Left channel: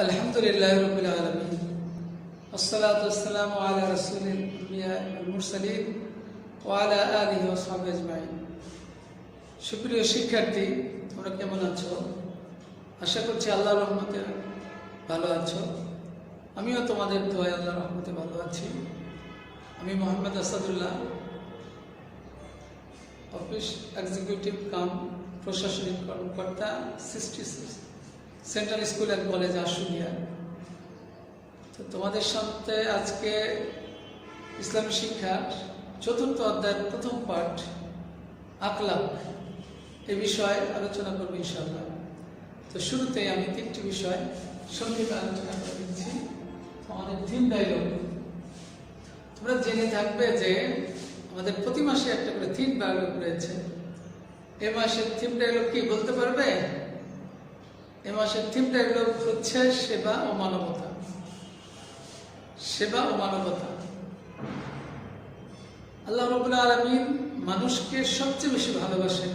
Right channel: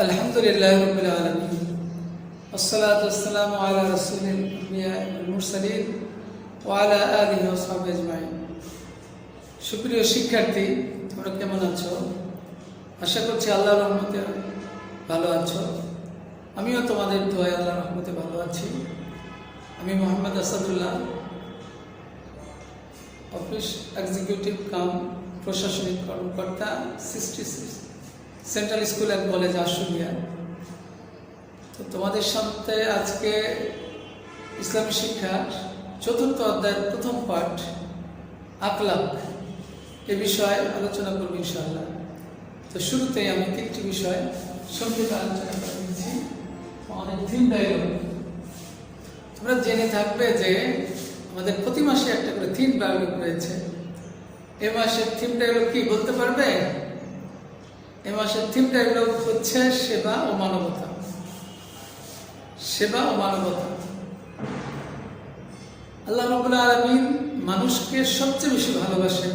আলহামদুলিল্লাহ রাব্বিল আলামিন ওয়াসসালাতু ওয়াসসালামু আলা রাসূলিল আম্বিয়া ওয়াল মুরসালিন ওয়া আলা আলিহি ওয়া সাহবিহি আজমাইন। সুপ্রিয় শিক্ষার্থী, তোমরা কেমন আছো? আশা করছি আল্লাহর রহমতে ভালো আছো। আমিও তোমাদের দোয়ায় আল্লাহর রহমতে ভালো আছি। আমি মোহাম্মদ আসাদুল্লাহ, অফিস এক্সিকিউটিভ কাম প্রশাসনিক কর্মকর্তা, 66 central school and college Ashulia. তো তোমাদের সাথে আজকে ইসলামী শিক্ষার 4th অধ্যায়ের প্রথম পাঠ আখলাক এ বিষয়ে আলোচনা করব ইনশাআল্লাহ। তো শুরুতেই আমি 3টি বিষয় সংক্ষেপে আলোচনা করে নিচ্ছি। আমাদের থিম ডায়লগ তোমরা জেনে থাকবে যে আমাদের প্রতি মাসে একটা করে থিম ডায়লগ রয়েছে। এ মাসের থিম ডায়লগ কি বলতে পারবে? এ মাসের থিম ডায়লগ হচ্ছে সেবা ও মানবতা। সেবা ও মানবতা। আল্লাহ রাব্বুল আলামিন মানুষকে সবচেয়ে বেশি ভালোবাসেন।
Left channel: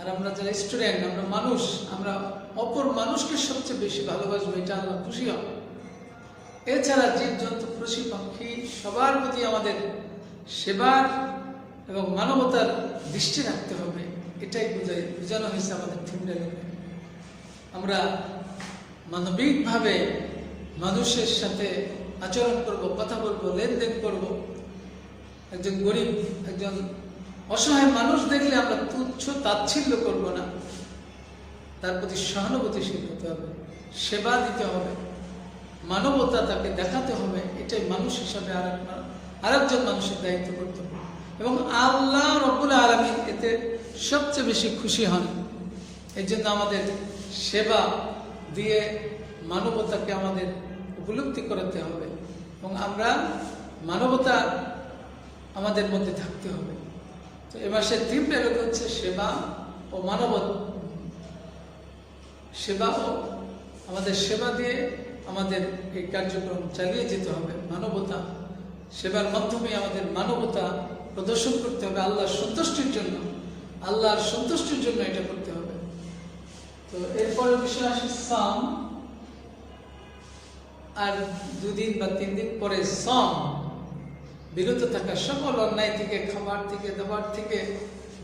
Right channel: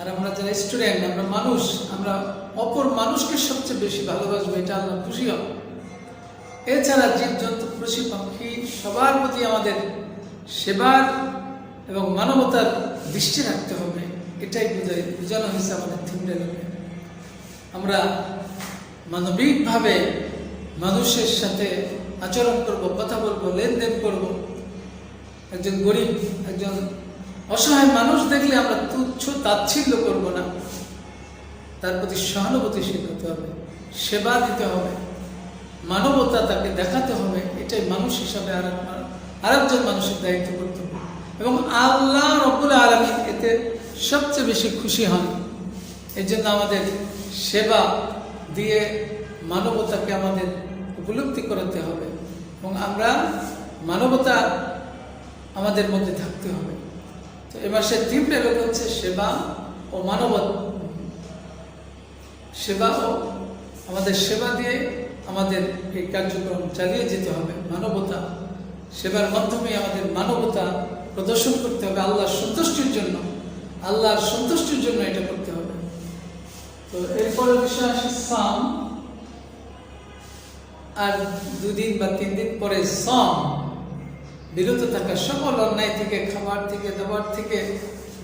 আর আমরা যারা স্টুডেন্ট, আমরা মানুষ, আমরা অপর মানুষকে সবচেয়ে বেশি ভালোবাসবো, এটা আল্লাহ খুশি হবে। এছাড়া জীবজন্তু, পশু পাখি সবার প্রতি আমাদের সেবার এবং মানবতার দৃষ্টি রাখতে হবে। এটাই বোঝানো হয়েছে আমাদের থিম ডায়লগে। আমরা মানবিকভাবে মানুষের সাথে আচরণ করব, কথা বলবো, লেনদেন করব। একজন গরিব, একজন অসহায় মানুষ দেখলে আমরা তুচ্ছ তাচ্ছিল্য করব না, তার প্রতি সহানুভূতিশীল হতে হবে, সেবা দিতে হবে, মানবতা তাকে দেখাতে হবে। এটাই মানুষ হিসাবে আরেকজন মানুষের দায়িত্ব করতে হবে। এবং আল্লাহ রাব্বুল আলামিন এতে সবচেয়ে বেশি খুশি হন। এই জন্য আমাদের সেবা দিয়ে মানবতাকে আমাদের উপলব্ধি করাতে হবে এবং আমরা মানবতা আমাদের মধ্যে থাকতে হবে। এ মাসের থিম ডায়লগ হচ্ছে সেবা ও মানবতা। সেবা ও আমাদের সেবা দিয়ে আমাদের এই কার্যক্রম চালিয়ে যেতে হবে। মানবতা, সেবার মাধ্যমে আমাদের মানবতা প্রদর্শন করতে হবে আল্লাহর সন্তুষ্টির জন্য। আল্লাহর সন্তুষ্টির জন্য এটা করতে হবে। তো এরপরে বিষয় আসে সাম। আর 2 দিন বা 3 দিন পরে সাম, বিরত থাকা, সকল অন্যায় থেকে, খাবার থেকে, দাবার থেকে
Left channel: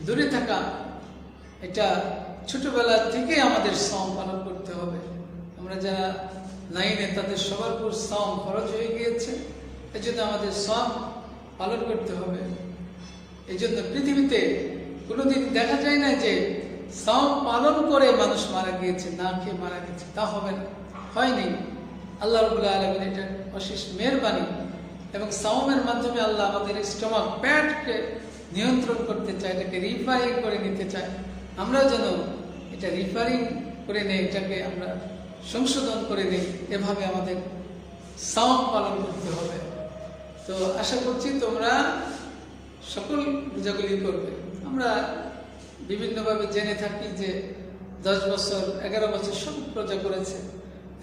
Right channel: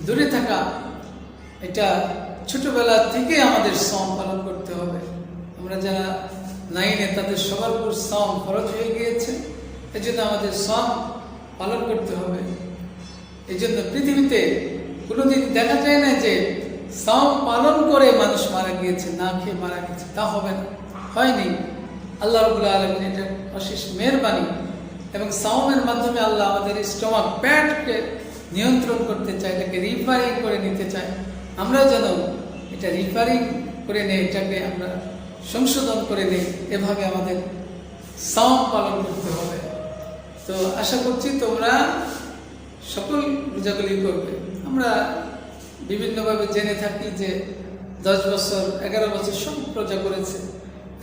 দূরে থাকা। এটা ছোটবেলা থেকে আমাদের সাম পালন করতে হবে। আমরা যারা 9-এ তাদের সবার উপর সাম খরচ হয়ে গিয়েছে। এই জন্য আমাদের সাম পালন করতে হবে। এই জন্য পৃথিবীতে কোনোদিন দেখা যায় না যে সাম পালন করে মানুষ মারা গিয়েছে, না খেয়ে মারা গেছে। তা হবে না, হয়নি। আল্লাহ রাব্বুল আলামিন এটা অশেষ মেহেরবানি। এবং সাওমের মাধ্যমে আল্লাহ আমাদের স্টমাক, পেটকে নিয়ন্ত্রণ করতে চায়, এটাকে রিফারিং করে নিতে চায়। আমরা যেন এটা রিফারিং করে নেই, এটাকে আমরা সংশোধন করে নেই। এভাবে আমাদের সাওম পালন করতে হবে। তো আশা করছি তোমরা সকল রোজাগুলি করবে। আমরা বিভিন্নভাবে জেনে থাকি যে 10 বছর, 11 বছর সব রোজা করেছে।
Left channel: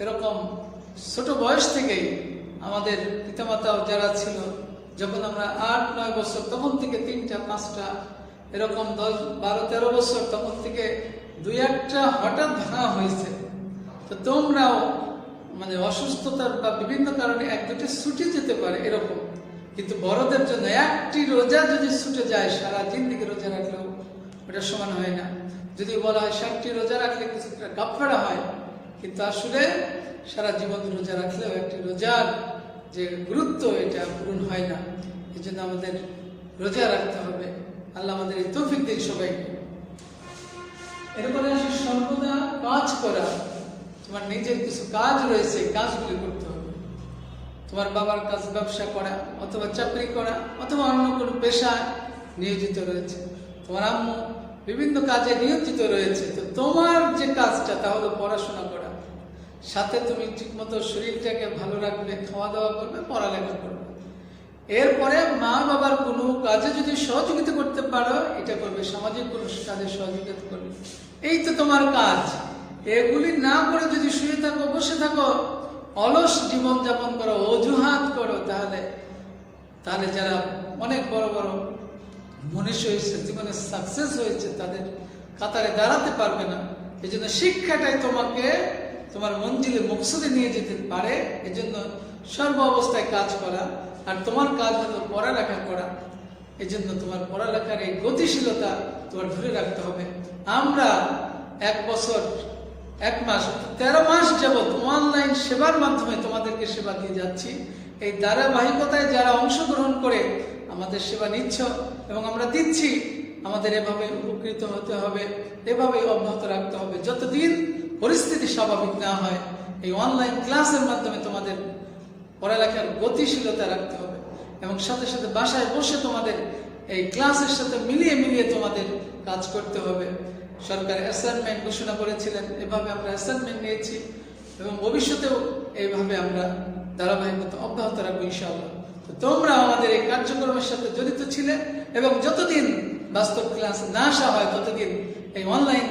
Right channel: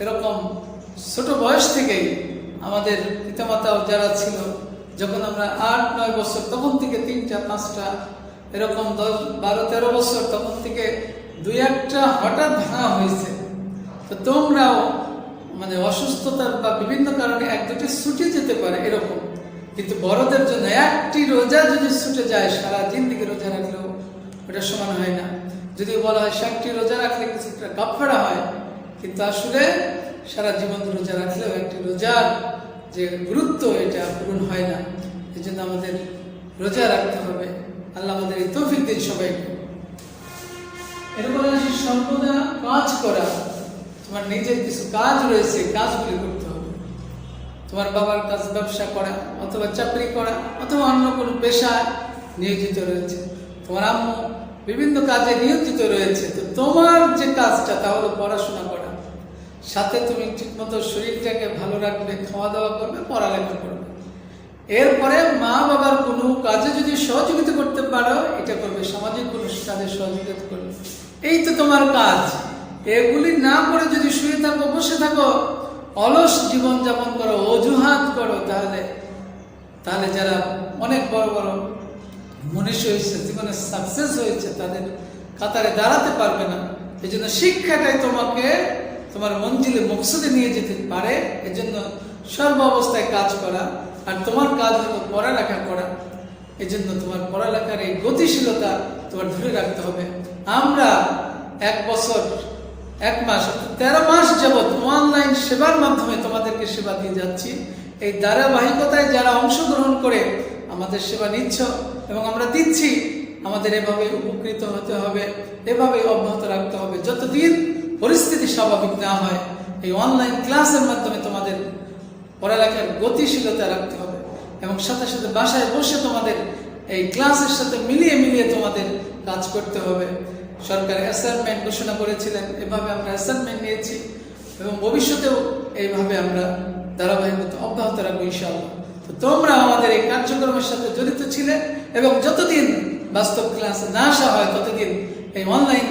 এরকম ছোট বয়স থেকেই আমাদের পিতামাতাও যারা ছিল, যখন আমরা 8-9 বছর তখন থেকে 3টা 5টা, এরকম 10, 12, 13 বছর তখন থেকে 2-1টা হঠাৎ ভাঙা হয়েছে। তো তোমরাও অসুস্থতার বা বিভিন্ন কারণে 1-2টি ছুটে যেতে পারে এরকম। কিন্তু বড়দের জন্য একটি রোজা যদি ছুটে যায়, সারা জিন্দেগি রোজা রাখলেও ওটা সমান হয় না। যদি বলা হয় 60টি রোজা রাখলে কিছুটা গাফফারা হয়, কিন্তু আসলে সারা জীবন রোজা রাখলেও একটি রোজার যে গুরুত্ব এটা পূরণ হয় না। এই জন্য আমাদের রোজা রাখতে হবে। আল্লাহ আমাদের তৌফিক দিন সবাইকে। এরপরে আসি সর্বদা কাজ করা। তোমার নিজের কিছু কাজ রয়েছে, কাজগুলি করতে হবে। তোমার বাবার কাজ, ব্যবসা করা অথবা চাকরি করা অথবা অন্য কোনো পেশা নিয়োজিত রয়েছে। তোমার আম্মু বিভিন্ন কাজে নিয়োজিত রয়েছে। তো তোমার যে কাজটা তা হলো পড়াশোনা করা। সাথে তুমি ঠিকমতো শরীরটাকে ভালো রাখবে, খাওয়া দাওয়া করবে, পড়ালেখা করবে। এরপরে মা বাবার কোনো কাজে যদি সহযোগিতা করতে পারো এটা করবে, সামাজিক কোনো কাজে সহযোগিতা করবে। এই তো তোমার কাজ। এগুলি না করে যদি শুয়ে থাকো, বসে থাকো, অলস জীবন যাপন করো, অজুহাত করো, তাহলে যারা অনেক বড় বড় মনীষী হয়েছে, জীবনে সাকসেস হয়েছে, তাদের কাতারে দাঁড়াতে পারবে না। এই জন্য শিক্ষাটাই তোমাকে তোমার মঞ্জিলে মকসুদে নিয়ে যেতে পারে। এজন্য সর্ব অবস্থায় কাজ করা, আর তোমার কাজ হলো পড়ালেখা করা। এজন্য তোমার পড়ালেখার এই গতিশীলতা তোমার ধরে রাখতে হবে। আমরা 1 বছর 1 মাস 13 মাস যাবৎ অনলাইন সেবার মাধ্যমে তোমাদেরকে সেবা দিয়ে যাচ্ছি। এই ধারাবাহিকতায় যারা অংশগ্রহণ করে আমাদের সেবা নিচ্ছ এবং আমরা দিচ্ছি, আমাদের এভাবে উপকৃত হতে হবে, এভাবে অব্যাহত রাখতে হবে। যতদিন পরিস্থিতি স্বাভাবিক না হয়, এই অনলাইন ক্লাসের মাধ্যমে তোমাদের পড়ালেখার গতিশীলতা রাখতে হবে এবং সাথে সাথে বাসায় বসে তোমাদের এই ক্লাসের সাথে মিলিয়ে মিলিয়ে তোমাদের কাজ করতে হবে। সরকার অ্যাসাইনমেন্ট ঘোষণা করেছিলেন, এভাবে আমরা অ্যাসাইনমেন্ট নিয়েছি এবং ভবিষ্যতেও এইভাবে আমরা ধারাবাহিকতা অব্যাহত রাখবো ইনশাআল্লাহ। তো তোমরা আমাদের এই কার্যক্রমের সাথে জড়িত ছিলে এবং যতদিন বাস্তব ক্লাসে না আসা হয় ততদিন এই অনলাইন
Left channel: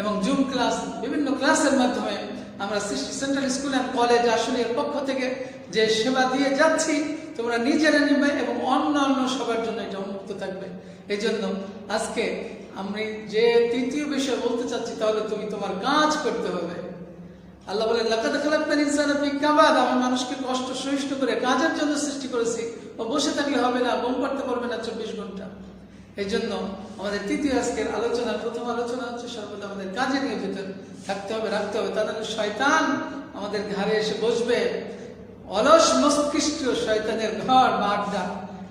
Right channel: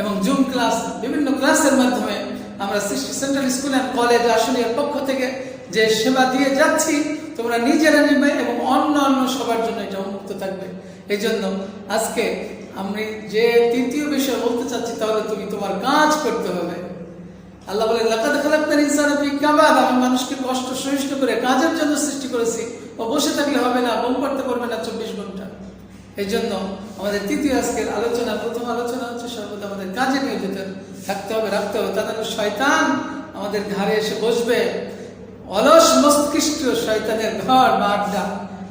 এবং জুম ক্লাস, বিভিন্ন ক্লাসের মাধ্যমে আমরা সেন্ট্রাল স্কুল অ্যান্ড কলেজ আশুলিয়ার পক্ষ থেকে যে সেবা দিয়ে যাচ্ছি, তোমরা নিজেরা নেবে এবং অন্য সবার জন্য এটা উন্মুক্ত থাকবে। এই জন্য আজকে আমি যে তৃতীয় বিষয় বলতে চাচ্ছি, তাহলে তুমি তোমার কাজ করতে হবে। আল্লাহ বলে, লাকাদ খালাকনাল ইনসানা ফি কাবাদ, আমি মানুষকে কষ্ট সহিষ্ণু করে কাজের জন্য সৃষ্টি করেছি। ও বসে থাকলে হবে না, বম করতে পারবে না 24 ঘন্টা। এই জন্য আমাদের তৃতীয় আজকের আলোচনা, প্রথম আলোচনা হচ্ছে সর্বদা আমাদের কাজে নিয়োজিত থাকতে হবে, রাখতে হবে। তাহলে শয়তান আমাদের ঘাড়ে এসে বসবে। অলস মস্তিষ্ক শয়তানের ঘর বা আড্ডা।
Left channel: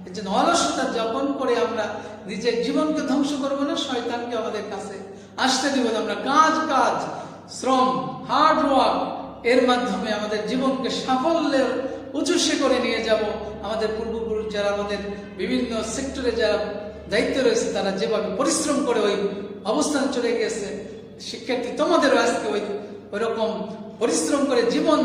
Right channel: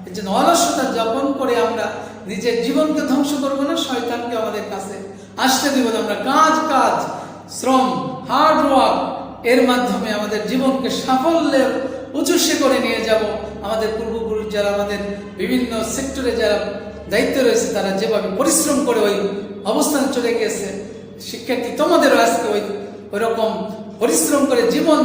এই জন্য অলসতা যাপন করে আমরা নিজের জীবনকে ধ্বংস করবো না, শয়তানকে আমাদের কাছে আসতে দিব না। আমরা কাজ, শ্রম, হার্ড ওয়ার্ক এর মাধ্যমে আমাদের জীবনকে সাফল্যের উচ্চশে করে নিয়ে যাব। আমাদের পূর্বপুরুষ যারা আমাদের বিভিন্ন সেক্টরে যারা দায়িত্ব রয়েছে, তারা যেভাবে পরিশ্রম করে ওই অবস্থানে চলে গেছে, শিক্ষার্থী তোমাদেরও আজকে ওই রকম পরিশ্রম করে জীবন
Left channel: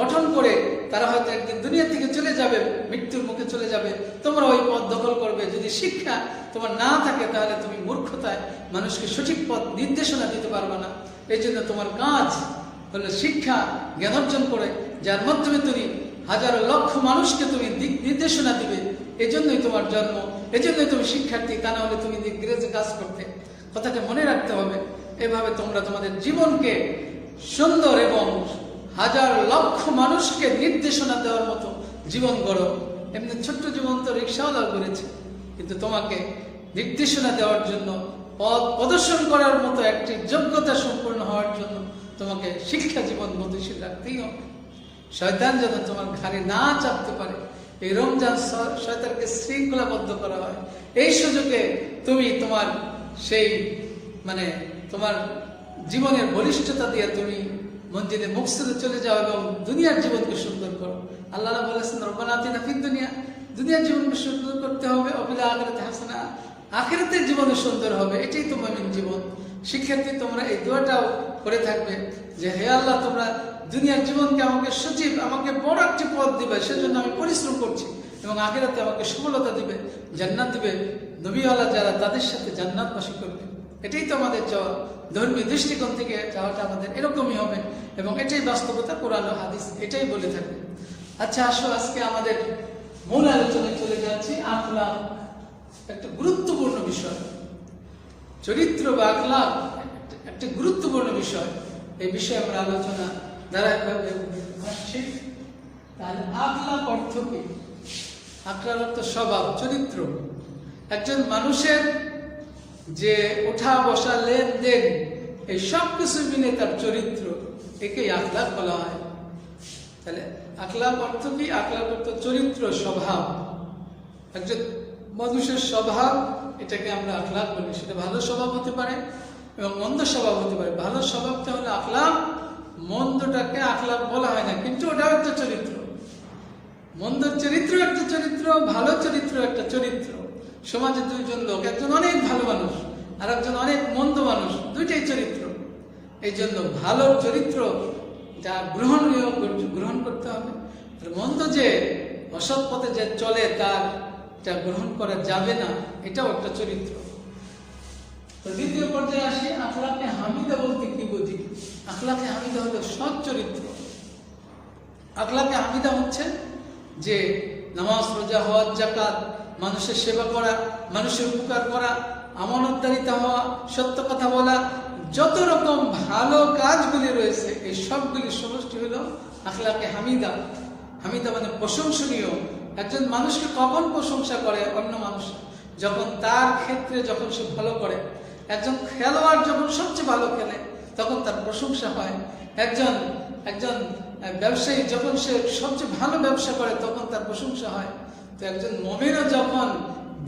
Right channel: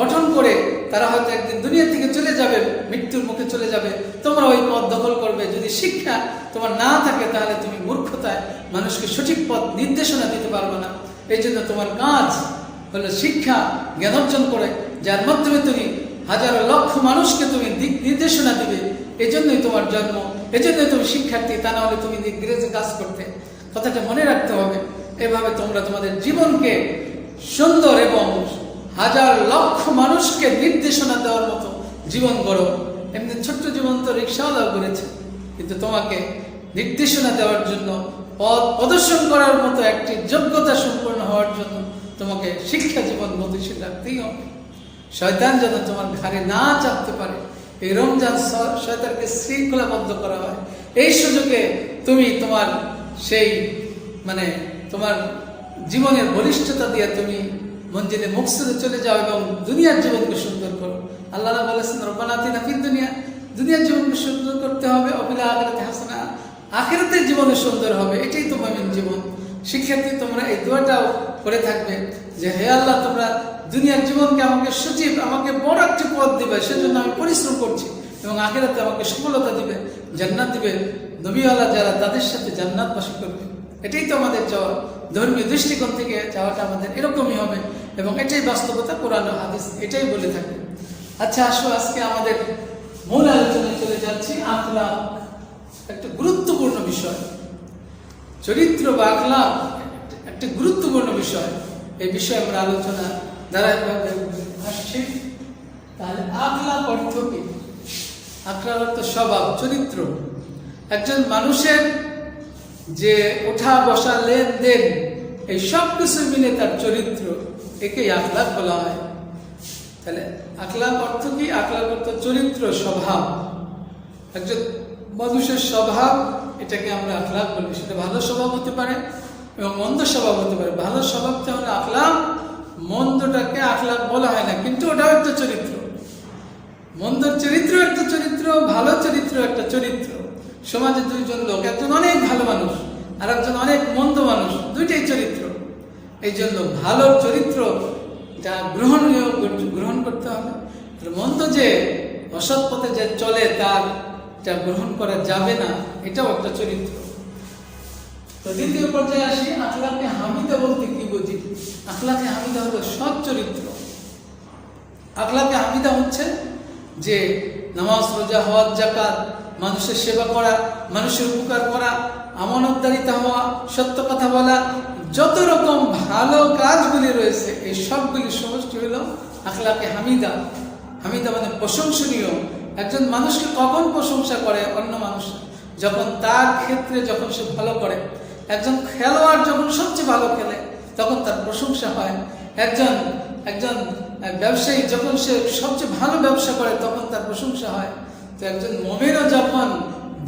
গঠন করে তারা হয়তো একদিন দুনিয়া থেকে চলে যাবে, মৃত্যুর মুখে চলে যাবে। তোমরা ওই পথ দখল করবে। যদি শিক্ষা তোমার না থাকে, তাহলে তুমি মূর্খতায় মানুষকে সঠিক পথ নির্দেশনা দিতে পারবে না। এই জন্য তোমার কাজ হলো শিক্ষা জ্ঞান অর্জন করে, যার মাধ্যমে তুমি হাজারো লক্ষ মানুষকে তুমি দিক নির্দেশনা দিবে। এই জন্যই তোমার জন্ম, এই জন্যই তুমি শিক্ষার্থী, তা না হলে তুমি নির্গ্রেজে কাজ করতে। কথাটা মনে রাখতে হবে। এভাবে তোমরা তোমাদের জীবনকে সুন্দর এবং হাজার লক্ষ মানুষকে নির্দেশনা দেওয়ার মতো জীবন গড়ো। এমনি ছোট্ট জীবন তো রিক্সাওয়ালা করেছে, কিন্তু তোমাকে নির্দেশনা দেওয়ার জন্য, পথ প্রদর্শন করার মতো একটি যোগ্যতা সম্পন্ন হওয়ার জন্য তোমাকে শিক্ষা জীবন গতিশীল রাখতেই হবে। শয়তান যেন তোমার ঘাড়ে না চাপতে পারে। এই রমজান শয়তানকে শৃঙ্খলাবদ্ধ করা হয়। এই সুযোগে তুমি তোমার সেই তোমার জীবনের বলিষ্ঠতা দিয়ে তুমি মঞ্জিলে মকসুদে চলে যাও এবং দুনিয়ার জীবনকে সুন্দর করো। আল্লাহ বলেছেন, রব্বানা আতিনা ফিদ দুনিয়া, দুনিয়ার জীবনকে সুন্দর করতে হবে। অবিল আখিরাতি হাসানা, আখিরাতের জীবনে সুন্দর হবে। এটাই তো মুমিন জীবন। শিক্ষার্থী, তোমরা এই দোয়াটাও করে থাকবে যে, হে আল্লাহ, তোমরা দুনিয়ার জীবনকে আমাকে সজীব, আমাকে বড় একটি পথ দিবে, সেজন্য আমি পরিশ্রম করছি এবং আখিরাতে আমাকে সফলতা দিবে, জান্নাত দিবে। নবীওয়ালা যারা, তাদের সাথে জান্নাতবাসী করবে। এটাই তো আমাদের চাওয়া। ধর্মীয় দৃষ্টিকোণ থেকে চাওয়াটা আমাদের এরকমই হবে এবং এটাই বাস্তবতা। কোরআন হাদিস এটাই বলে থাকে। আচ্ছা, আসো আজকে আমাদের মূল আলোচনায় চলে যাচ্ছি। আখলাক একটা গুরুত্বপূর্ণ বিষয়। চরিত্র বা আখলাক একটা গুরুত্বপূর্ণ বিষয়। এই বিষয়ে আমরা আলোচনা ধারাবাহিকভাবে আসছি। তাহলে আখলাক অর্থ কি? আখলাক অর্থ স্বভাব, চরিত্র। একজন মানুষের যে ওঠা বসা, লেনদেন, এই সব কিছু মিলে তার চরিত্র, একেই আখলাক বলা হয়। তাহলে আখলাক অর্থ কি? আখলাক অর্থ চরিত্র, স্বভাব। একজন মানুষের স্বভাব, এটাকে আমরা আখলাক বলি। সেটা ভালো স্বভাব হতে পারে এবং মন্দ স্বভাব হতে পারে। ভালো স্বভাবটা হলো আখলাক, মন্দটাকে আখলাক বলা হয় না, কিন্তু ওটাও একটা চরিত্র। মন্দর চরিত্র একটা চরিত্র, ভালো চরিত্র একটা চরিত্র। সমাজে দুইজন লোক, একজন অনেক ভালো মানুষ আর একজন অনেক মন্দ মানুষ, দুইটাই চরিত্র। এই জন্য ভালো চরিত্র যা গ্রহণীয়, গ্রহণ করতে হবে। মন্দ যে অসৎ পথে যে চলে, তার যা গ্রহণ করা যাবে না, এটাও একটা চরিত্র। তো দ্বিতীয় পর্যায়ে আসি, আখলাকে হামিদা বলতে কি বুঝি? আখলাকে হামিদা হলো সৎ চরিত্র। আখলাকে হামিদা হচ্ছে যে নামাজ, রোজা, হজ, যাকাত, মানুষের সেবা করা, মানুষের উপকার করা, আমানতদারিতা হওয়া, সত্য কথা বলা, যত রকম ভালো কাজগুলি রয়েছে এই সবগুলি সমষ্টি হলো আখলাকে হামিদা। হামিদা মানে প্রশংসনীয়। একজন মানুষকে কখন প্রশংসা করে অন্য মানুষ? যখন তার ক্ষেত্রে যখন সে ভালো করে। একজন খেলোয়াড় যখন সবচেয়ে ভালো খেলে তখন তার প্রশংসা হয়। একজন ব্যবসায়ী যখন সে সবচেয়ে ভালো ব্যবসা করে তখন তার প্রশংসা হয়। তো একজন মুমিনও যখন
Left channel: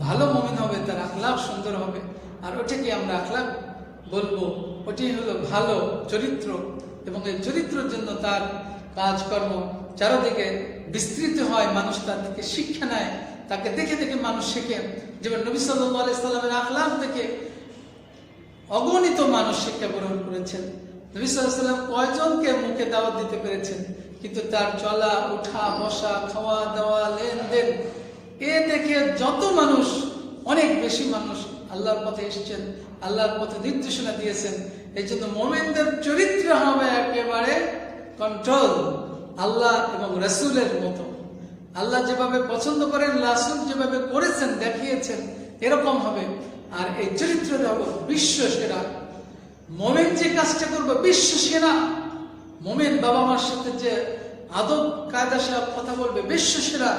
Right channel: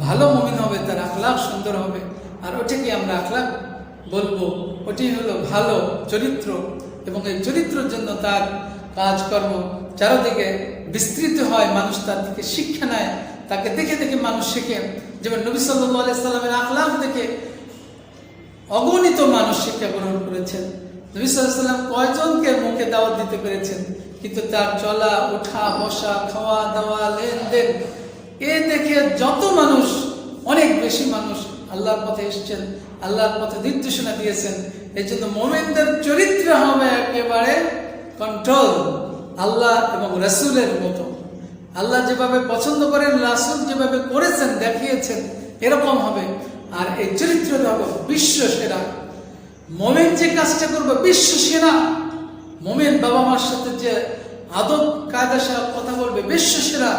ভালো মুমিন হবে তার আখলাক সুন্দর হবে। আর ওটাকে আমরা আখলাক বলবো, ওটাই হলো ভালো চরিত্র। এবং এই চরিত্রের জন্য তার কাজকর্ম চারদিকে বিস্তৃত হয়, মানুষ তার দিকে শিক্ষা নেয়, তাকে দেখে দেখে মানুষ শেখে। যেমন নবী সাল্লাল্লাহু আলাইহি সাল্লামের আখলাক দেখে অগণিত মানুষ শিক্ষা গ্রহণ করেছেন। নবী সাল্লাল্লাহু আলাইহি সাল্লাম কয়জনকে মুখে দাওয়াত দিতে পেরেছেন, কিন্তু তার চলা ওঠা বসা খাওয়া দাওয়া লেনদেন এ দেখে যত মানুষ, অনেক বেশি মানুষ আল্লাহর পথে এসেছেন, আল্লাহর পথে নির্দেশনা দিয়েছেন। এই জন্য মুমিনদের চরিত্র হবে একেবারে কন্ট্রোল আল্লাহ এবং রাসূলের মতো। আল্লাহ যেভাবে পছন্দ করেন, রাসূল যেভাবে করেছেন দেখিয়েছেন এরকম হবে। আর এই চরিত্র হবে বিশ্ব সেরা। মুমিন যে কাজটা করবে বিশ্ব সেরা। মুমিন বাবা মার সাথে যে আদব কায়দার সাথে কথা বলবে বিশ্ব সেরা।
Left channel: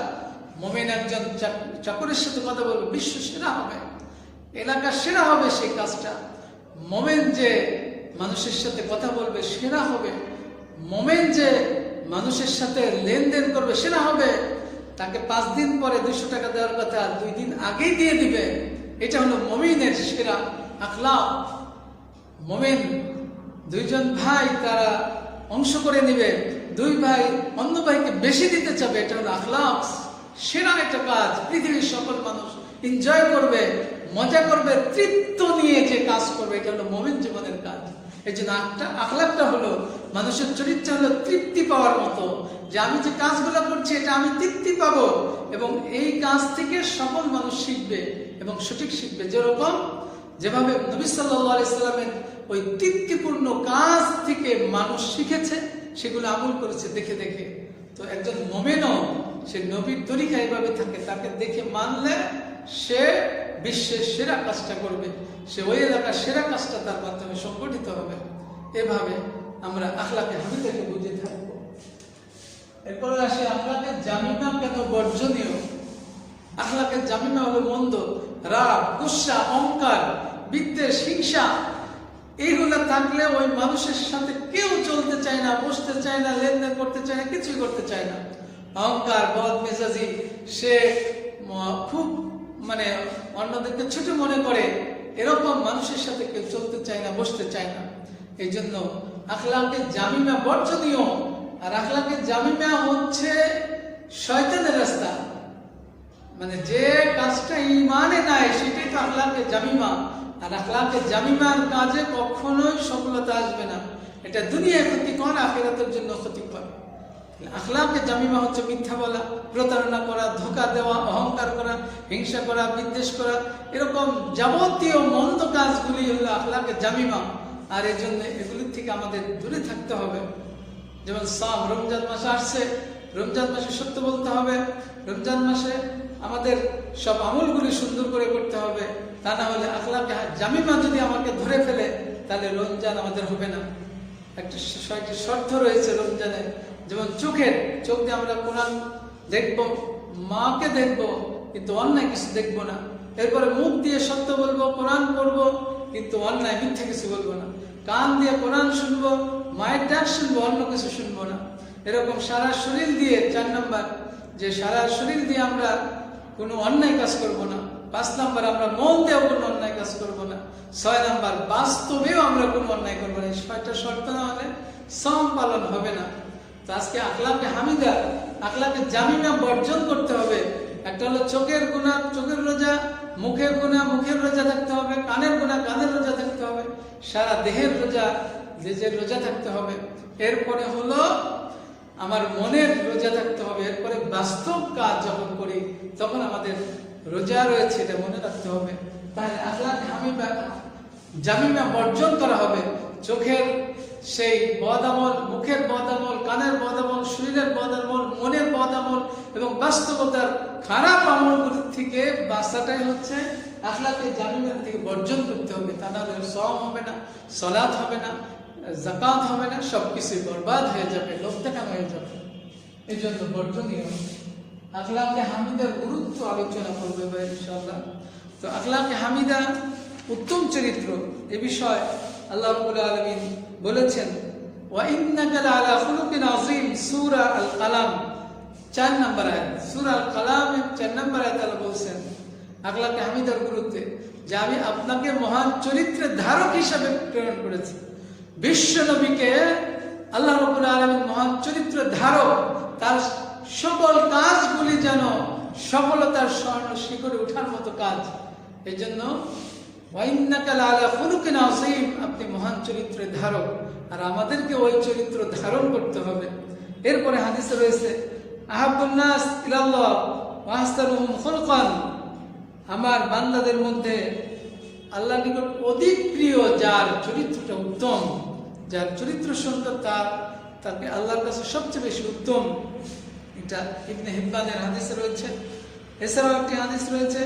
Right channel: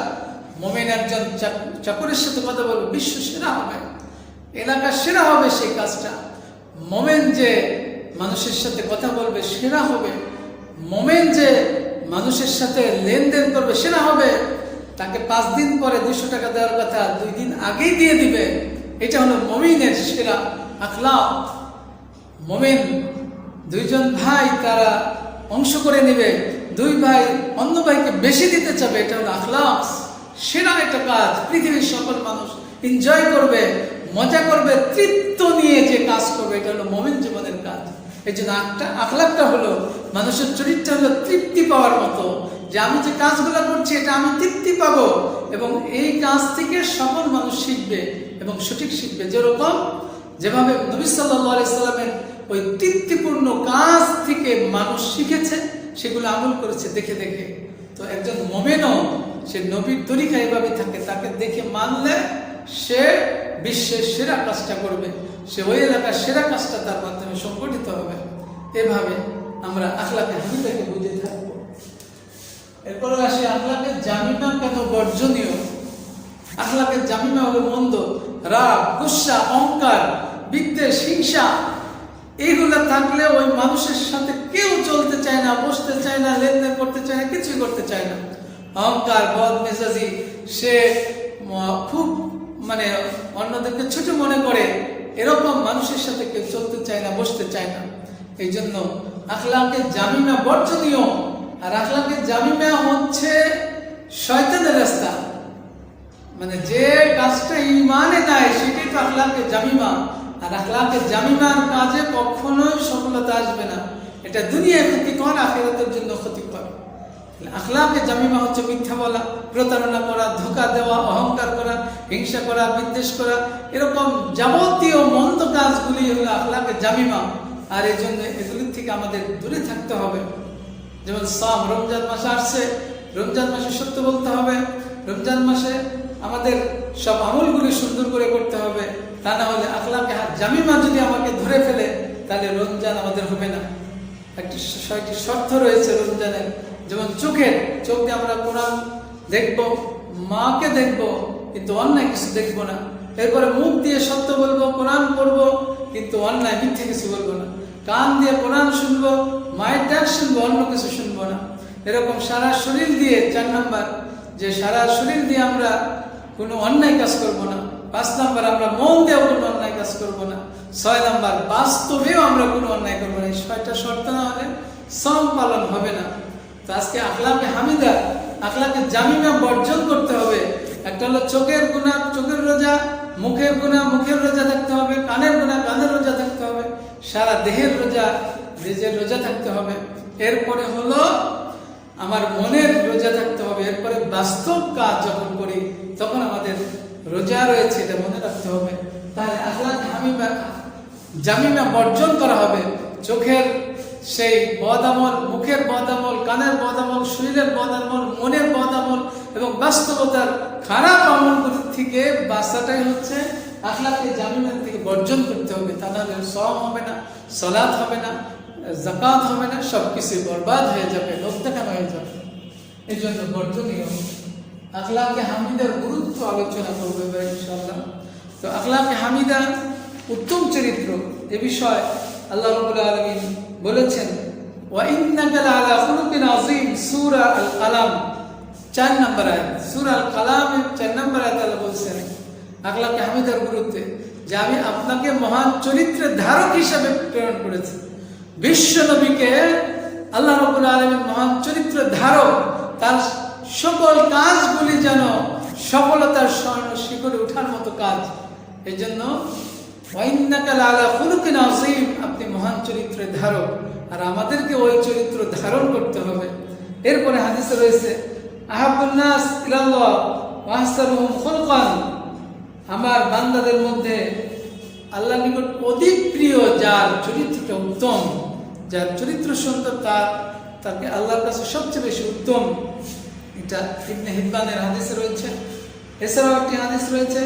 মুমিন একজন চাকরের সাথে কথা বলবে বিশ্ব সেরা হবে, এলাকার সেরা হবে সেই কাজটা। মুমিন যে মানুষের সাথে কথা বলবে সেরা হবে। মুমিন যে মানুষের সাথে লেনদেন করবে সেরা হবে। তাকে 5 দিন পরে 200 টাকা দেওয়ার কথা 2 দিন আগেই দিয়ে দিবে। এটা হলো মুমিনের সেরা আখলাক। মুমিন 2 জন ভাই তারা অংশ করে নেবে, 2 ভাই অন্য ভাইকে বেশি দিতে চাবে, এটা হলো আখলাক। সেরা একটা কাজ, পৃথিবীর সকল মানুষ এনজয় করবে, মজা করবে, তৃপ্ত নিয়ে যে কাজ করবে, এটা হলো মুমিন জীবনের কাজ। এই জন্য আখলাকটা হলো মানুষের চরিত্র হলো তৃপ্তি পাওয়ার মতো, যে আমি যে কাজগুলো করছি এটা আমি তৃপ্তি পাবো, এবং এই কাজ থেকে সকল মানুষ শিখবে এবং সঠিক শিখবে। যেভাবে নবী সাল্লাল্লাহু আলাইহি সাল্লামের ওই তৃপ্তিপূর্ণ কাজ থেকে মানুষ শিখেছে, সেগুলো আমল করেছে দেখে দেখে। তো একজন মুমিনও সে নবীর তরিকা এভাবে থাকে, তাকে দেখে মানলে সে বিশ্বের সেরা কাজটা করবে, সে ওই এলাকার সেরা কাজটা তার মাধ্যমে সংগঠিত হবে। এভাবে আমরা আখলাকে হামিদাকে বুঝে থাকবো। এরপরে আসে আখলাকে জামিমা কেন বর্জনীয়। আখলাকে জামিমা হলো মন্দ, রাগ, গুসা, অহংকার, বিদ্বেষ, হিংসা, এইগুলো থাকলে ওই মানুষের সাথে কেউ চলতে চায় না, বসতে চায় না, লেনদেন করতে চায় না, কিছুই করতে চায় না। অহংকার, বদমেজাজি, সে খুব অন্যদেরকে ছোট মনে করে, এরকম মানুষের সাথে কেউ চলতে চায় না, বসতে চায় না। এই জন্য আখলাকে জামিমা বর্জনীয়। আর আখলাকে জামিমা হচ্ছে শয়তানের রাস্তা, যে কাজটা ঈমানে দেয় সেটাই তো আখলাকে জামিমা। আর আখলাকে জামিমার কাজে কখনোই সফলতা আসবে না, এটা দুনিয়ায় ক্ষতিকর, আখিরাতের জন্য ক্ষতিকর। আখলাকে জামিমা হচ্ছে মিথ্যা বলা, প্রতারণা করা, ধোঁকা দেওয়া, অহংকার করা, হিংসা করা, বিদ্বেষ করা, এরকম যাবতীয় মন্দ কাজগুলি হলো আখলাকে জামিমা। আর এই জন্য এগুলির থেকে আমাদের দূরে থাকতে হবে। যেমন রমজান মাস আসছে, রমজান মাসে সত্য বলতে হবে, রমজান মাসে আমাদের সব আমলগুলি সুন্দর করে করতে হবে। তা না হলে আখলাকে জামিমা যদি আমাকে ধরে ফেলে তাহলে রমজান আমাদের হবে না। একটি 6টি শর্ত রয়েছে রমজানের। যেমন চোখ দিয়ে আমরা কোরআন দেখবো, মাকে দেখবো, কিন্তু অন্যায় কিছু দেখবো না। এরপরে মুখ দিয়ে সত্য বলবো, কোরআন পড়বো, কিন্তু অন্যায় মিথ্যে কিছু বলবো না। কান দিয়ে কোরআন শুনবো, মায়ের ডাক শুনবো, অন্য কিছু শুনবো না। এরকম সারা শরীর দিয়ে 4 নাম্বার, যে সারা শরীর দিয়ে আমরা কোনো অন্যায় কাজ করবো না। 5 নাম্বার, আমরা মন দিয়েও কোনো অন্যায় কাজ করবো না। 6 নাম্বার, বাস্তবেও আমরা কোনো অন্যায় করবো না। এই 6টা শর্ত না হলে সম পালন হবে না। তো আজকে আখলাকে হামিদা, আখলাকে জামিমা বর্জন করতে হবে। একটা হলো চোখের গুনাহ, চোখের রোজা, মুখের গুনাহ, মুখের রোজা থাকতে হবে, কানের গুনাহ, কানের রোজা থাকতে হবে, সারা দেহের রোজা, দেহের রোজা থাকতে হবে। এরপরে হলো আমার মনের রোজা থাকতে হবে। এরপরে বাস্তব কাজ যখন করি তখন আমাদের রোজা রয়েছে এটা মনে রাখতে হবে। তাহলে আখলাক জামিমা বর্জন করা হবে। চোখের সেই বদামল, মুখের বদামল, কানের বদামল, শরীরের বদামল, মনের বদামল এবং বাস্তবতার খারাপ আমলগুলি থেকে বাঁচাটাই হচ্ছে আখলাকে জামিমা থেকে বর্জন করতে হবে। তা নাহলে সওম হবে না, সালাত হবে না, যাকাত হবে না, সব কিছু বরবাদ হয়ে যাবে, লোকটাকাম হয়ে যাবে। এই জন্য বর্জনীয় আখলাকে হামিদার গুরুত্ব আলোচনা করবো এবার ইনশাআল্লাহ। তো আখলাকে হামিদা উত্তম চরিত্র, এ বিষয়ে আল্লাহ রাব্বুল আলামিন বলেছেন ওয়া ইন্নাকা লাআলা খুলুকিন আযীম, সূরা আল কালাম 4 নম্বর আয়াত। সূরা আল কালামের 4 নম্বর আয়াতে আল্লাহ বলেছেন আখলাকে হামিদার গুরুত্বে যে আমি আপনাকে মহান চরিত্রের ধারক হিসাবে প্রেরণ করেছি। বিশ্ব নবীকে আল্লাহ রাব্বুল আলামিন মহান চরিত্রের ধারক, তার সকল কাজগুলি যেন সফলতার শিখরে ওঠার মতো কাজ। এই জন্য ওয়া ইন্নাকা লাআলা খুলুকিন আযীম, আপনি মহান চরিত্রের ধারক, আর আমাদেরকে ওই চরিত্র ধারণ করতে হবে। এরপরে হাদিসে রয়েছে আহাব্বুন নাস ইলাল্লাহ ওয়া আহসানুহুম খুলকান, আমার বান্দাদের মধ্যে আল্লাহর নিকট অধিক প্রিয় যার চরিত্রটা উত্তম, যার চরিত্র সুন্দর, তাকে আল্লাহর কাছে সবচেয়ে বেশি উত্তম। এটা ইবনে হিব্বানের হাদিসে রয়েছে। এছাড়াও একটি হাদিস রয়েছে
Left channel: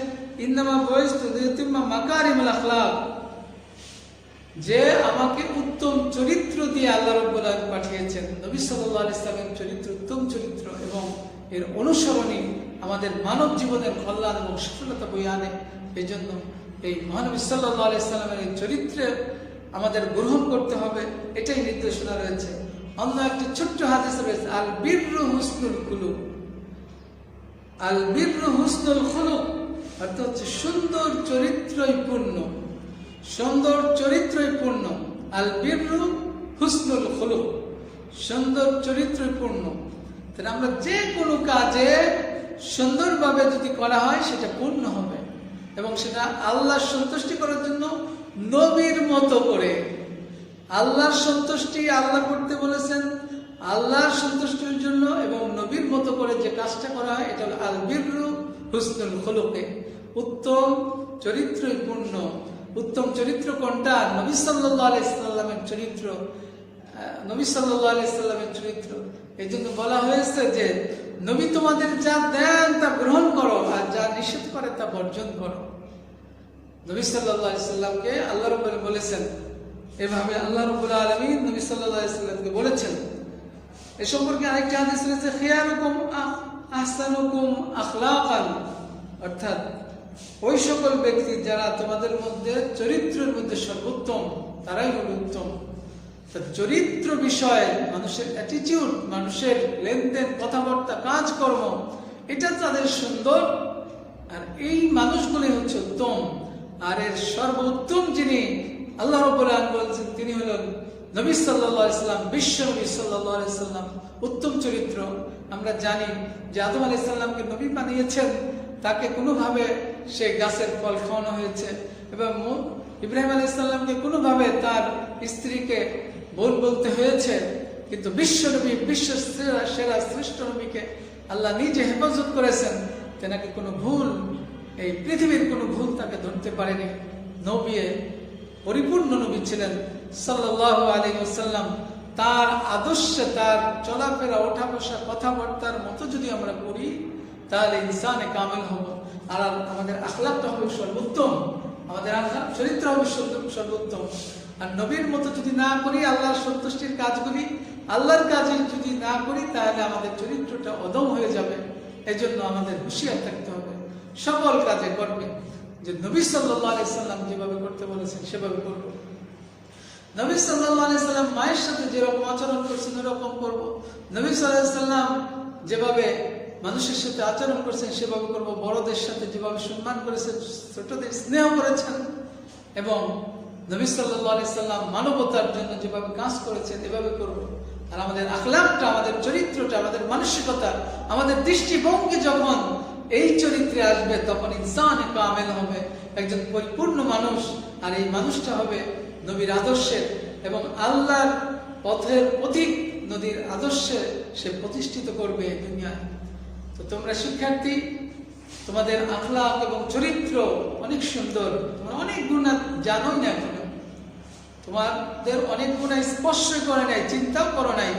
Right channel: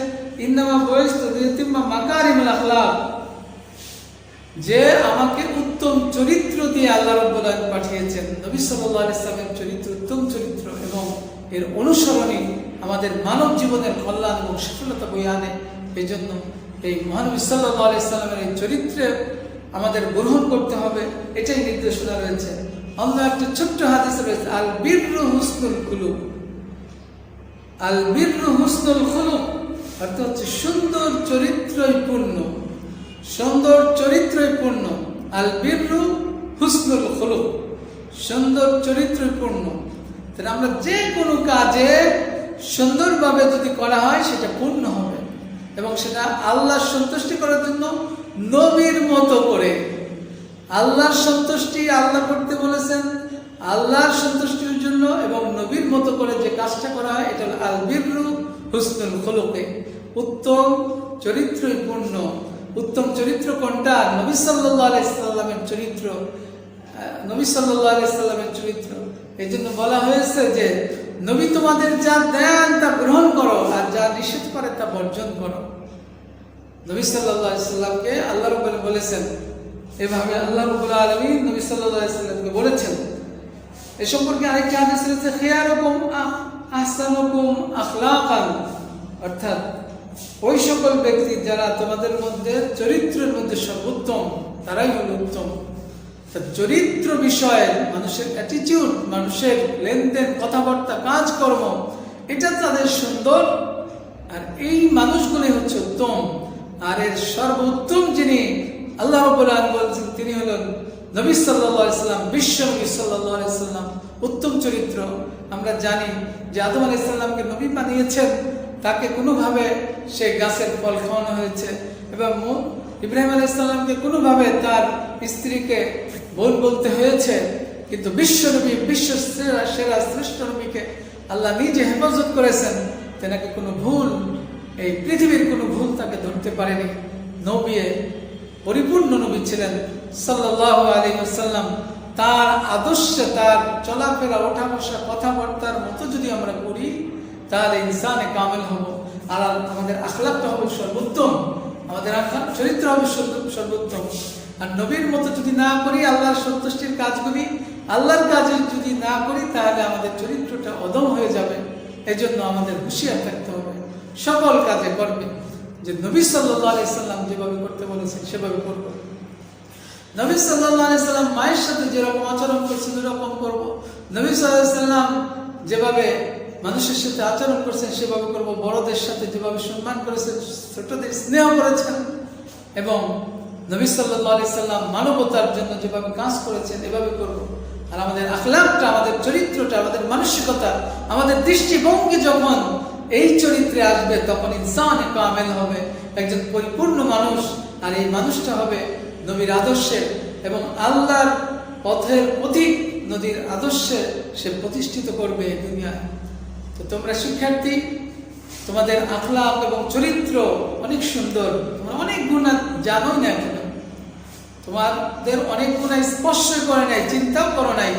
ইন্নামা বুইসতু লিউতিম্মা মাকারিমুল আখলাক, যে আমাকে উত্তম চরিত্র দিয়ে আল্লাহ রাব্বুল আলামিন পাঠিয়েছেন। নবী সাল্লাল্লাহু আলাইহি ওয়াসাল্লামের চরিত্র উত্তম চরিত্র এবং এর অনুসরণই আমাদের মানব জীবনের কল্যাণ এবং সফলতা বয়ে আনে। এই জন্য এই মহানবী সাল্লাল্লাহু আলাইহি ওয়াসাল্লামের এই চরিত্রে আমাদের গ্রহণ করতে হবে, এটাই নির্দেশনা রয়েছে। অন্য একটা ছোট্ট হাদিস রয়েছে আল বিররু হুসনুল খুলুক, আল বিররু হুসনুল খুলুক অর্থ হচ্ছে সুন্দর চরিত্রই পূর্ণ, সুন্দর চরিত্রই পূর্ণ। আল বিররু হুসনুল খুলুক, সুন্দর চরিত্রই পূর্ণ। তাহলে আমরা যে কোনো কাজে সুন্দরভাবে যদি করা হয় সেটা পূর্ণ হবে, এবং সেটা আল্লাহর সন্তুষ্টি করার জন্য নবীর মতো করে। আল্লাহর সন্তুষ্টি আল্লাহ করতে বলেছেন, আল্লাহর সন্তুষ্টির জন্য এবং নবীর মতো করে যে কাজটা করা হয় এটা হলো আল বিররু হুসনুল খুলুকে, উত্তম চরিত্রই পূর্ণ। উত্তম চরিত্র কোনটা? নবী সাল্লাল্লাহু আলাইহি সাল্লামের চরিত্র, নবী সাল্লাল্লাহু আলাইহি সাল্লামের চরিত্র। এই জন্য বলা হয়েছে যে নবী তোমাদের যা দেন তা গ্রহণ করো, আর যা নিষেধ করে তা বর্জন করো। নবী সাল্লাল্লাহু আলাইহি সাল্লামকে আল্লাহ রাব্বুল বলেছেন, এভাবে আল্লাহ রাব্বুল আলামিন নবী সাল্লাল্লাহু আলাইহি সাল্লামকে বলেছেন। এই সম্পর্কে আরেকটা হাদিস রয়েছে খিয়ারুকুম আহসানুকুম আখলাকান, অর্থাৎ ওই সকল ব্যক্তি যারা তোমাদের মধ্যে চরিত্রের মধ্যে সর্বোত্তম তারাই হল উত্তম। চরিত্র বিষয়ে মানুষের অ্যাটিটিউড, মানুষের লেনদেন, কথাবার্তা, কাজকর্ম, এটা তাদের সুন্দর, আর এই মানুষগুলি হচ্ছে উত্তম। আর এর সর্বোত্তম যিনি আল্লাহ রাব্বুল আলামিন বলেছেন তিনি হলেন নবী সাল্লাল্লাহু আলাইহি সাল্লাম, বিশ্ব নবী সাল্লাল্লাহু আলাইহি সাল্লাম। উত্তম চরিত্র আমরা জানি যে আদম আলাইহিস সালামকে নবী বানিয়েছেন, তাকে কোনোভাবে সে গাছের ফল খাওয়ানো হয়েছে, এবং ইব্রাহিম আলাইহিস সালামকে কোনোভাবে তার স্ত্রীকে বোন বলতে হয়েছে, কিন্তু বিশ্ব নবী, বিশ্ব সেরা শ্রেষ্ঠ নবীকে আল্লাহ নিজে হেফাজত করেছেন। তেনাকে কোনো ভুল, এই পৃথিবীর কোনো ভুল তাকে ধরতে পারেনি। নবী পরিপূর্ণ নবী ছিলেন সাল্লাল্লাহু আলাইহি ওয়াসাল্লাম। তার আদর্শে, তার চলাফেরা, ওঠা বসা, কথাবার্তার মতো যদি আমরা করি তাহলে ইনসানে কামেল হব, আর আমাদের আখলাকটা হবে সর্বোত্তম, আমাদের আখলাক চরিত্র হবে সর্বোত্তম। আর নবীর মতো যদি না করি, আল্লাহর সন্তুষ্টির কাজগুলি, আল্লাহর কাজে যদি না করি, তাহলে আমাদের চরিত্রটা অদম হয়ে যাবে। এজন্য আমাদের হুঁশিয়ার থাকতে হবে, সকল কাজে করবে যে নবী সাল্লাল্লাহু আলাইহি সাল্লাম যেভাবে করতে বলেছেন সেভাবে করব। নবী সাল্লাল্লাহু আলাইহি সাল্লাম মায়ের সাথে যেরকম আচরণ করছেন এরকম করব। নবী সাল্লাল্লাহু আলাইহি সাল্লাম যেভাবে মানুষের সাথে আচরণ করছেন সেভাবে করব। বড়দের সাথে যেভাবে সম্মান করেছেন, ছোটদের স্নেহ করেছেন, এবং নবী সাল্লাল্লাহু আলাইহি সাল্লাম মানবতার জন্য যেভাবে কাজ করেছেন এভাবে করব। আর আমাদের আখলাকটা, আমাদের চরিত্রটা, আমাদের মানসিকতা, আমাদের দৃষ্টিভঙ্গি যখন এই চরিত্রে আসবে তখন ইনসানে কামেল হবে, একজন পরিপূর্ণ মানুষ। আর এই মানুষটা হবে নবীর আদর্শে এবং আল্লাহর পথের পথিক, নবীর আদর্শে সে প্রতিষ্ঠিত করবে এই দুনিয়ায়। তো তোমরা শিক্ষার্থী, তোমাদের আখলাক এবং চরিত্র অনেক সুন্দর, তোমরা অনেক গুণ জানোই না, তোমাদের অনেক গুণ স্পর্শ করে নাই, চিন্তাও করো নাই।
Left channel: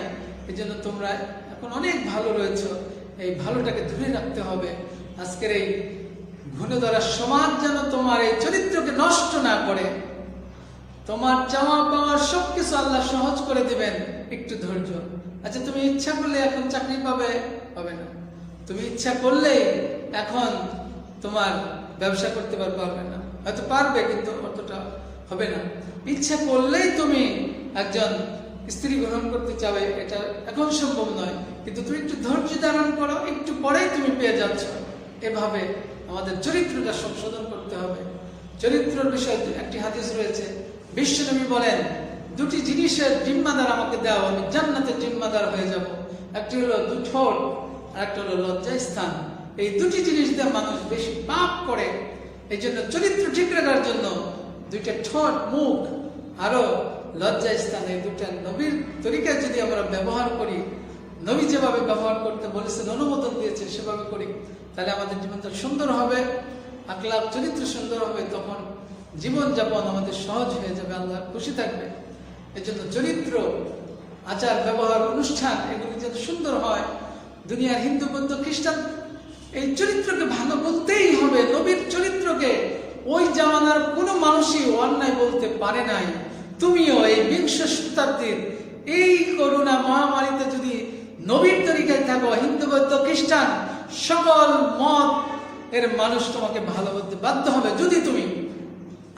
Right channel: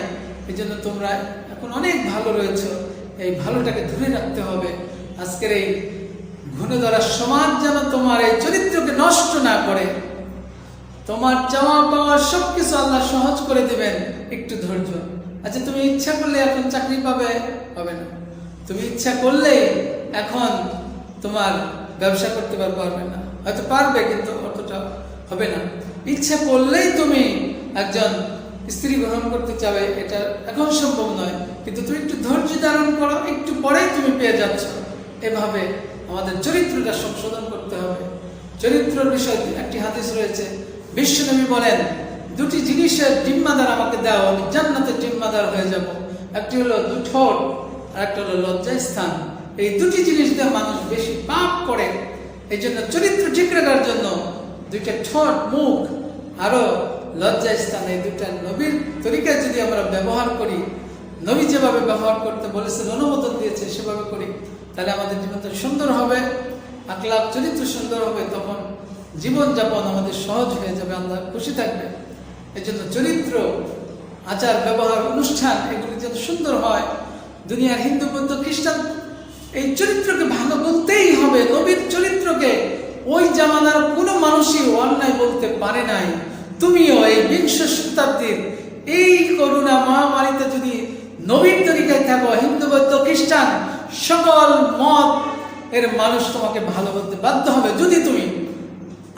এই জন্য তোমরা এখন অনেক ভালো রয়েছ। এই ভালোটাকে ধরে রাখতে হবে। আজকের এই ঘুরে ধরা সমাজ যেন তোমার এই চরিত্রকে নষ্ট না করে, তোমার চাওয়া পাওয়া সবকিছু আল্লাহ সহজ করে দিবেন, একটু ধৈর্য। আচ্ছা, তুমি ইচ্ছা করলে এখন চাকরি পাবে, হবে না। তুমি ইচ্ছা করলে এখন তোমার ব্যবসা করতে পারবে না, হয়তো পারবে কিন্তু অতটা হবে না। ইচ্ছা করলেই তুমি একজন স্ত্রী গ্রহণ করতে চাবে, এটা এখন সম্ভব নয়, কিন্তু তুমি একটু ধৈর্য ধারণ করো, একটু পরে তুমি পেয়ে যাচ্ছ। এভাবে আমাদের চরিত্রটা সংশোধন করতে হবে। চরিত্রের বিষয়ে একটি হাদিস রয়েছে, বিশ্বনবী বলেন, দুটি জিনিসের জিম্মাদার আমাকে দাও, আমি জান্নাতের জিম্মাদার হয়ে যাব। একটি হলো দুই ঠোঁট, আর একটা হলো লজ্জাস্থান। এই দুটি জিনিস দিয়ে মানুষ বেশি পাপ করে। এই জন্য চরিত্র ঠিক রাখার জন্য দুইটা ঠোঁট, মুখ, আরো লজ্জাস্থান, এই দুটা নবীর তরিকায় যদি আমরা ব্যবহার করি, নবী যেভাবে ব্যবহার করতে বলেছেন, অনুমোদন দিয়েছে, সেভাবে করি, তাহলে আমাদের জীবনটা সুন্দর হবে, আখলাক চরিত্র সুন্দর হবে। তখন জীবনযাপন আমাদের সহজ হয়ে যাবে, আল্লাহ খুশি থাকবে। এই জন্য চরিত্র, আচার ব্যবহার, অনুষ্ঠান এগুলি যেন সুন্দর হয়। দুনিয়ার হিন্দু, বৌদ্ধ, খ্রিস্টান এই চরিত্রকে ভালো বলতেই হবে। নবীর চরিত্রকে ওই জামানার কোনো মানুষই অন্যায় বলতে পারে নাই। তুমিও এই বিংশ শতাব্দীর এই করোনা মহামারীতে যদি নবীর তরিকায় থাকো, হিন্দু, বৌদ্ধ, খ্রিস্টান সকল মত এর মানুষ তোমাকে ভালো বলতে বাধ্য হবে, যদি তুমি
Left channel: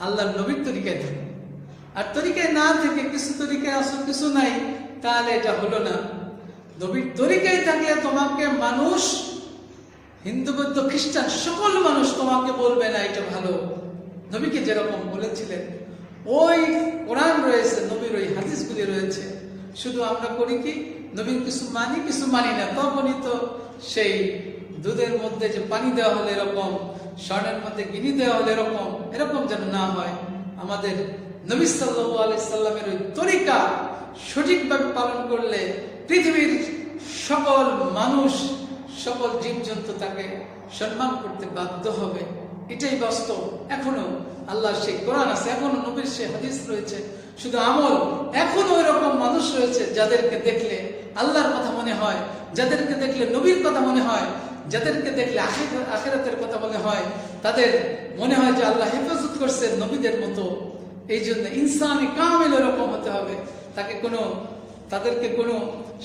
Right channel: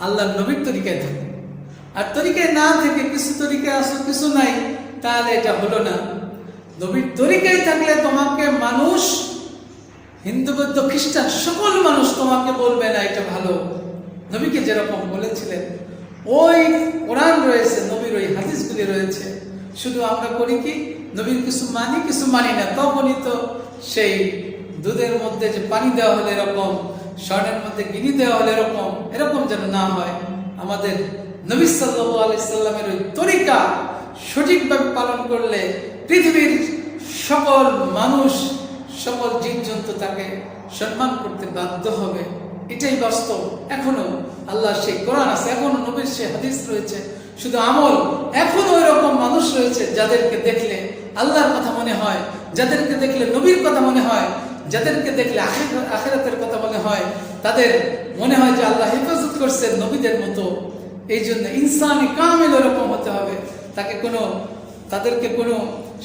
আল্লাহর নবীর তরিকায় থাকো। আর তরিকায় না থেকে কিছু তরিকায় আসো, কিছু নাই, তাহলে এটা হলো না। নবীর তরিকায় থাকলে তোমাকে মানুষ, হিন্দু, বৌদ্ধ, খ্রিস্টান সকল মানুষ তোমাকে বলবে না এটা ভালো। নবীকে যেরকম বলেছিলেন, ওই কোরআন রয়েছে, নবীর ওই হাদিসগুলি রয়েছে। শুধু আমরা করি কি, নবীর কিছু মানি, কিছু মানি না। তখনই তো সেই দুধের মধ্যে যে পানি দেওয়া হলে এরকম, স্বর্ণের মধ্যে গিনি দেওয়া হলে এরকম, এরকম যেন না হয়। আমাদের নবী সাল্লাল্লাহু আলাইহি সাল্লামের ওই তরিকা সঠিকভাবে পালন করলে পৃথিবীর সকল মানুষ, সকল জীবজন্তু তাকে সম্মান করতে বাধ্য হবে। এটাই বাস্তব। এখনো আল্লাহ সেই কোরআন আছে, এখনো নবীর সেই হাদিস রয়েছে। শুধু আমল, এখনো ওই রকম মানুষ রয়েছে যাদেরকে দেখলে আল্লাহর কথা মনে হয়, যাদেরকে দেখলে নবীর কথা মনে হয়, যাদেরকে দেখলে আখিরাতের কথা মনে হয়, তাদের মনে হয় যে আল্লাহ হেফাজত করছেন নবীদের মতো। এই জন্য ইনসানি কামিল ওরকম হতে হবে। তাদেরকে কোনো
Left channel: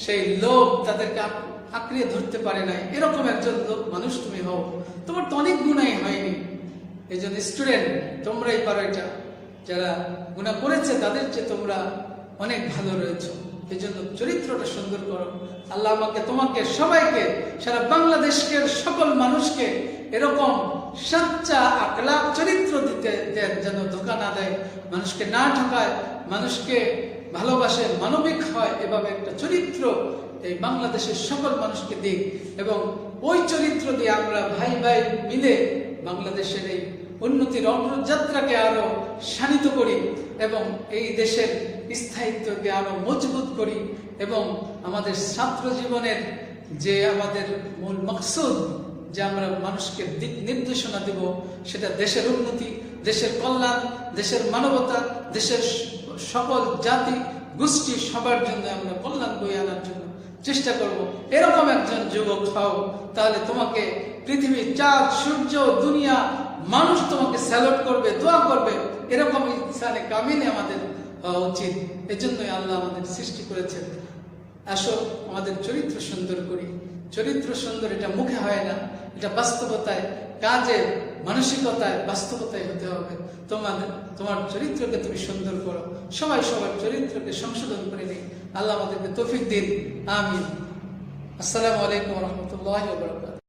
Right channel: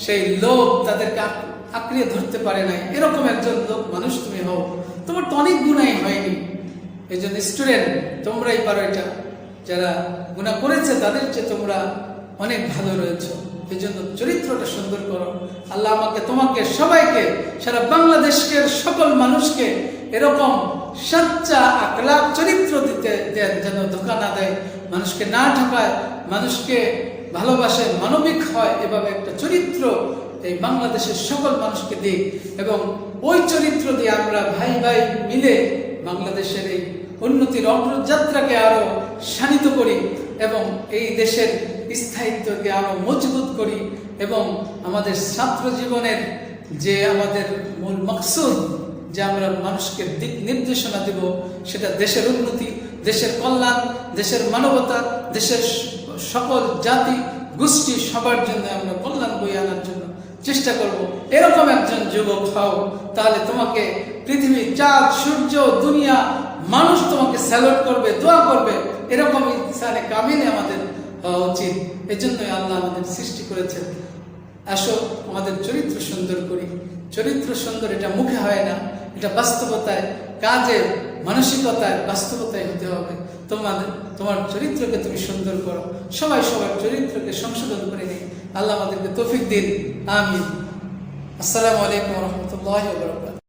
সেই লোক তাদেরকে আঁকড়িয়ে ধরতে পারে নাই, এরকম একজন লোক মানুষ তুমি হও। তোমার তো অনেক গুণাই হয়নি। এই জন্য স্টুডেন্ট, তোমরাই পারো এটা। যারা গুণা করেছে তাদের চেয়ে তোমরা অনেক ভালো রয়েছে। এই জন্য চরিত্রটা সুন্দর করো। আল্লাহ আমাকে, তোমাকে, সবাইকে, সারা বাংলাদেশকে, সকল মানুষকে এরকম সচ্চা আখলাক চরিত্র দিতে দেন, যেন ধোঁকা না দেয়, মানুষকে না ঠকায়, মানুষকে ভালোবাসে, মানবিক হয়। এভাবে একটা চরিত্র এই বাংলাদেশের সকল মানুষকে দিই, এবং ওই চরিত্র দিয়ে আমরা ভাই ভাই মিলে বাংলাদেশের এই উন্নতির অগ্রযাত্রাকে আরো শানিত করি, এবং এই দেশের স্থায়িত্বকে আরো মজবুত করি, এবং আমাদের ছাত্র জীবনের যে আমাদের মূল মকসুদ, যে আমরা মানুষকে দিক নির্দেশনা দেব, সেটা দেশের উন্নতি, দেশের কল্যাণ, দেশের মানবতা, দেশের সকল জাতি গোষ্ঠী সবার জন্য আমরা কল্যাণ বই আনার জন্য চেষ্টা করব। এরকম একজন যুবক হও, তাহলে তোমাকে পৃথিবী, চাঁদ, সূর্য, দুনিয়া, মানুষ তোমাকে স্যালুট করবে, দোয়া করবে। এরকম ইনসানে কামিলে আমাদের হওয়া উচিত। এই জন্যই আল্লাহ আমাদের সৃষ্টি করেছেন। আসো আমাদের চরিত্র সুন্দর করি। চরিত্র সুন্দর, এটা মুখে হয় না, এটা বাস্তবতায়, কাজে, মানসিকতায়, বাস্তবতায় হতে হবে। তোমার চরিত্রকে তুমি সুন্দর করো। সবাই সবার চরিত্রকে সংশোধন করে নিই। আল্লাহ আমাদেরকে তৌফিক দিন। আমিন। আসসালামু আলাইকুম ওয়া রাহমাতুল্লাহি ওয়া বারাকাতুহু।